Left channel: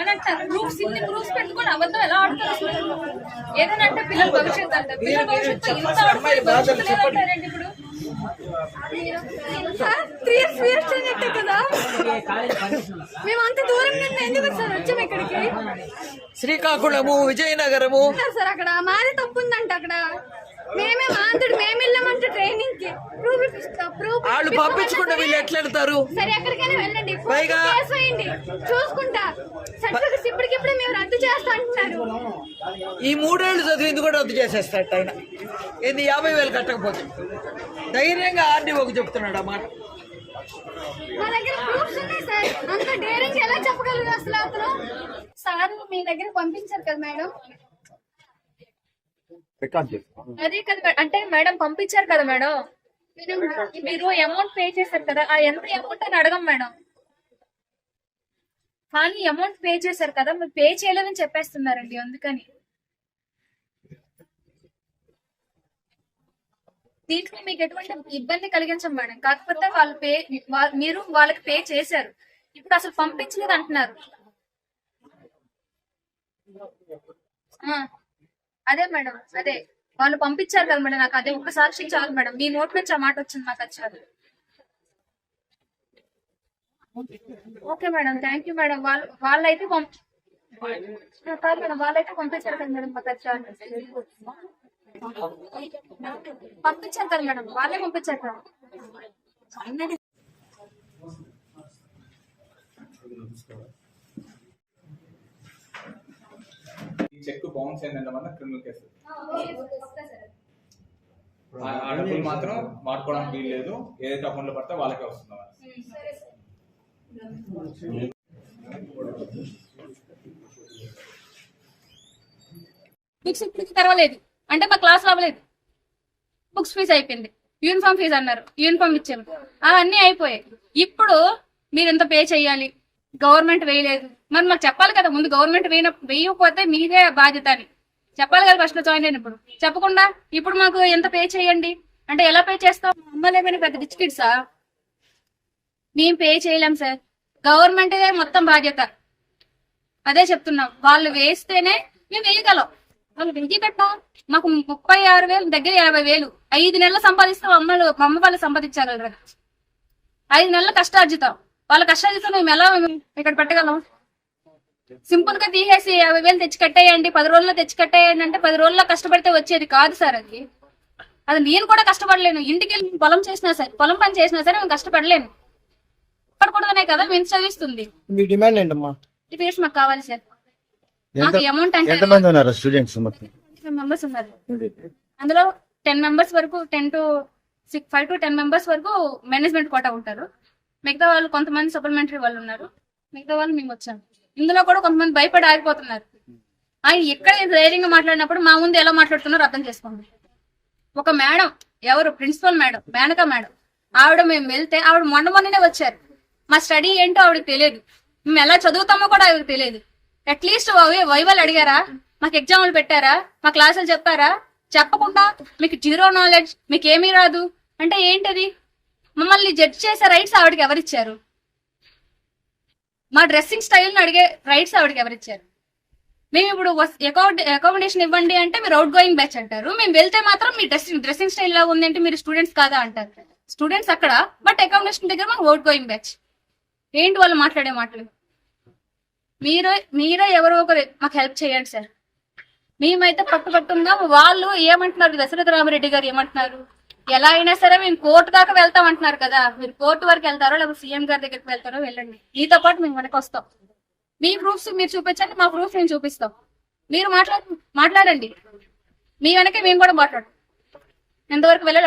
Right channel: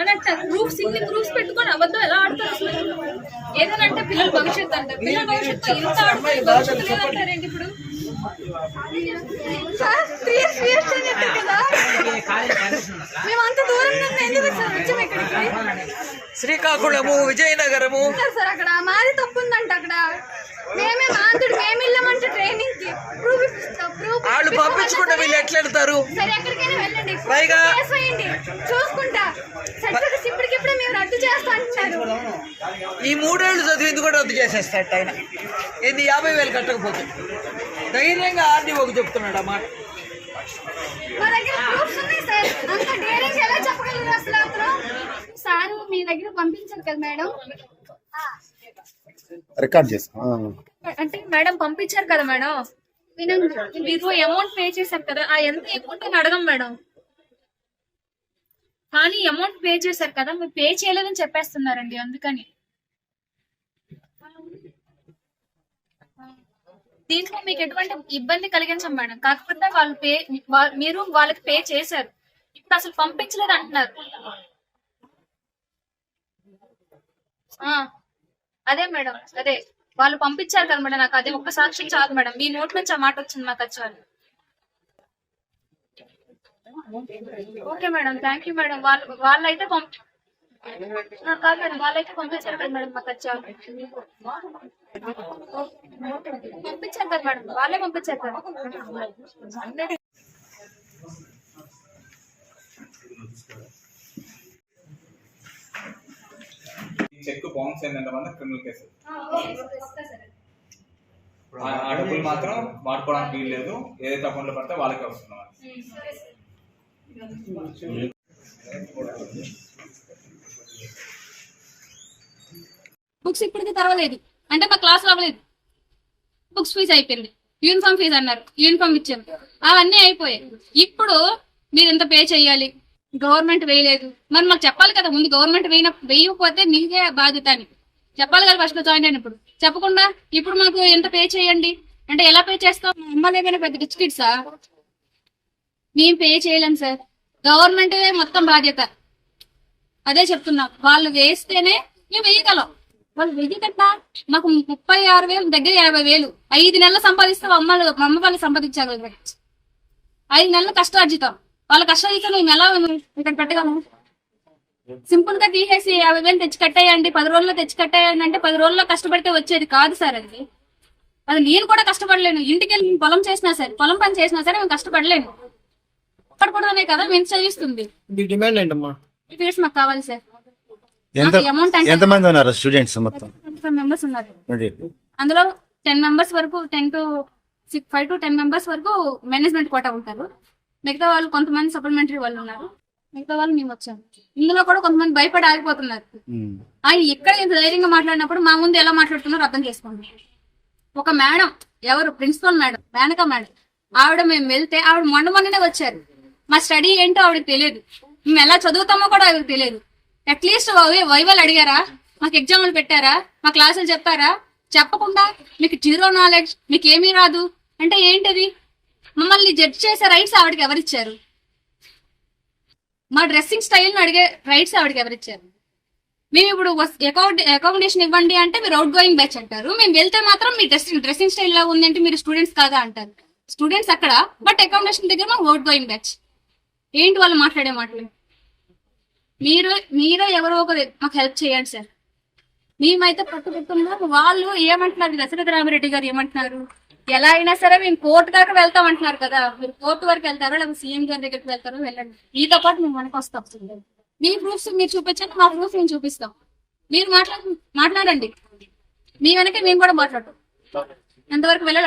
అని అంటారు. ఇన్ని ప్రూఫ్స్ పెట్టుకొని అబద్ధం ఎలా ఆడతారు అసలు? ఏదైనా అంటే పిల్లల భవిష్యత్తు అంటారు. పిల్లల భవిష్యత్తు ఇంత ఆడుకునే భవిష్యత్తు లేదంటారేంటి ఇప్పుడు? మేమంత దూరంగా ఎందుకు సార్ వచ్చాము ఇక్కడికి? శ్రీకాకుళము, విజయనగరము సార్ అక్కడ మాది తప్పు ఉందంట. అక్కడ మేమే మాంతుడు మేము వెళ్ళామంటే ట్రైనింగ్ కి ప్రూఫ్ వాళ్ళు పంపించుకుంటే వీళ్ళు ఎట్లా వెళ్తారు? సరే ఎక్కడికైనా వెళ్ళండి, కేసు వేయండి, చూసుకుంటా. సర్టిఫికెట్స్ ఇప్పటికిప్పుడు మేము రద్దు చేస్తా అంటున్నారు. ఈ 3 ఏళ్ళు చదివింది కూడా రద్దు చేసేస్తాడు ఆయన. ఏంది 50,000 కట్టకపోతే ధైర్యంగా ఆర్డీఓకి చెప్తున్నాడు అన్నమాట. మా దగ్గర ప్రూఫ్స్ ఉన్నాయి సార్. అంత డేరింగ్ ఎలా చెప్పగలరు అసలు? అతను సార్ మీ దగ్గర పంపించారు కదా మేడం, రికార్డ్ చేస్తాం. అదే కదా అంటే మేడం పంపించారు కదా మేడం. మీరు అమౌంట్ పే చేశారు కదా, ఆ ఎంత అమౌంట్ అని అడగం మేడం. కానీ అమౌంట్ పే చేశారు కదా, మీరు పే చేయలేదని చెప్పేస్తున్నారండి. అందుకని దీంట్లో మీకు ఎటువంటి ఇబ్బంది కలిగించం మేడం. కాకపోతే మీరు వాళ్ళకి పే చేశారు, ఇప్పుడు అసలు పంపించలేదు అంటున్నారు. అదే మేడం, అదే వాళ్ళు పంపించారు కదా మేడం. నాకు అదే ఒక్క సాక్షి చాలు మేడం. మీ నోట్ నుంచి ఆ మాట వచ్చింది, మాకు అది చాలు. Okay madam, thank you madam. వాళ్ళైతే కాదు మేడం, వాళ్ళైతే పంపించారు కదా మేడం, మాకు అది చాలు. పంపించారు కదా మేడం, వాళ్ళే పంపించారు కదా. చెక్ బౌన్స్ అయినంత మంది క్రిమినల్ కేసు. ఆ డబ్బులు మాత్రం వాడుకోవడానికి వీలు లేదు. ఏదైతే అకౌంట్ లో పడితే వాళ్ళకే వస్తున్నారు. బుక్స్ ఇప్పటికి తెరవలేదు అంటే మా క్లాస్ అవ్వలేదు. బుక్స్ ఫీజు అయిపోయింది, యూనిఫామ్ ఫీజు అన్నారు, యూనిఫామ్ ఇచ్చాము, అవన్నీ అయిపోయాయి. ఇప్పుడు మీరు ఎంత పే చెయ్యాలి, గవర్నమెంట్ వేయలేదు. మరి మాకు చెప్పాలి కదా ముందు, గవర్నమెంట్ వేయకపోతే మీదే బాధ్యత అని చెప్పాలి కదా ఫస్ట్ జాయిన్ అయినప్పుడు. చెప్పకుండా ఇప్పుడు మాకు ఎంత పే చేయండి అంటే ఎలా పే చేస్తాం? అమ్మలేమైనా పెద్ద రిచ్ కిడ్సా? మేము పే చేయలేం సార్, గవర్నమెంట్ మొత్తం బాధ్యత. అదే చెప్తున్నాం, వాళ్ళు వేస్తేనే మేము వేయగలం. వాళ్ళు వెయ్యకట్ట మాకు 36,000 దగ్గర 50,000 5 నెలలు సంపాదిస్తే అమ్మ వాళ్ళు సంపాదించగలరు. 5 నెలలు కష్టార్జితం, వాళ్ళ కష్టార్జితం మేము ఎలా ఇక్కడ పెట్టగలం? సింపుల్ గా తీసేసి 50,000 తెచ్చి కట్టేయండి, 10 రోజుల్లో తెచ్చి కట్టేయండి అంటే 10 రోజుల్లో కష్టపడితే వచ్చేది కాదు సార్. అది నేను కూడా కష్టపడలేను. ఇంటికి వెళ్ళి పొలం చేసినా సరే, పొలం పని చేసినా సరే మేము కష్టపడలేను. పడకూడదనే కదా మేము చదివిస్తుంది. మాకు కావాలి సార్. అమౌంట్ ఎంతమంది ఉన్నారు స్టూడెంట్స్? మొత్తం 25 మెంబర్స్ ఉన్నారు. అందులో 10 మెంబర్స్ వరకు 5 to 10 మెంబర్స్ వరకు మేనేజ్మెంట్ కోటా ఉంటారు. మిగతా వాళ్ళు కొంతమంది సప్లిమెంటరీ వాళ్ళు ఉన్నారు. మిగతా వాళ్ళు మేము వచ్చాము. ఇందులో కూడా కొంతమంది భయపడి ఆగిపోతున్నారు. ఆయన ఇక్కడ ధైర్యంగా మాట్లాడినప్పుడు మా ముందు ఎలా మాట్లాడుతున్నారో అర్థం చేసుకోండి. ఒక మేడం, ఎవరు ప్రిన్సిపల్ మేడం, మేనకా మేడం, ఆవిడ మేము వెళ్తే ఆవిడ మొన్ననే వచ్చారు. మా స్టడీ ఏంటో ఆవిడకి తెలియదు, మేము ఎలా చదువుతామో కూడా ఆవిడకి తెలియదు. అట్లీస్ట్ వైవల్ అడిగారా, మాకు ఎగ్జామ్లు పెట్టారా, మా క్లాసులు చెప్పారా? చెప్పకుండా మీకు 0 నాలెడ్జ్, మీకు ఏమీ రాదు అంటే ఏంటది? మమ్మల్ని జడ్జ్ చేసే రైట్స్ ఆవిడకి ఎవరిచ్చారు? మా డ్రెస్సింగ్ స్టైల్ని అడిగే రైట్స్ ఆవిడకి ఎవరిచ్చారు? మేము ఇప్పుడు అకామిడేషన్ ఇవ్వండి అంటే మీరు అవుట్ గోయింగ్ బ్యాచ్ అంటారు. మేము వెళ్తే మాత్రం మీ డ్రెస్సింగ్ స్టైల్ లాగా ఉందంటే మీరు స్టూడెంట్స్ కాదా అంటారు. స్టూడెంట్స్ అక్కడ, బట్ అకామిడేషన్ దగ్గర మాకు అవుట్ గోయింగ్ బ్యాచ్. ఏంటి వాళ్ళు మాట్లాడే మాటలు? మీరే ఎవరో ఒకరు మాకు హెల్ప్ చేయండి సార్. మేమైతే పట్టుబట్టున్నాం. వాళ్ళు ఏమంటున్నారు, దశరథ రామిరెడ్డి గారు ఏమంటున్నారు, ఎలా అయినా సరే మేము కోర్టు దాకా వెళ్తాం అంటున్నారు కదా. మీరు కోర్టు వరకు వెళ్తారో లేకపోతే సీఎం గారి దగ్గరికి వెళ్తారో వెళ్ళండి, మీతో పాటు మేము వెనక వస్తాం. మీ ప్రూఫ్స్ మీరు చూపించండి, మా ప్రూఫ్ మేము చూపిస్తాం. మీరు మాట్లాడండి, మీ వెనక మేము కూడా మాట్లాడతాం. ఎంతవరకు వెళ్ళాలి.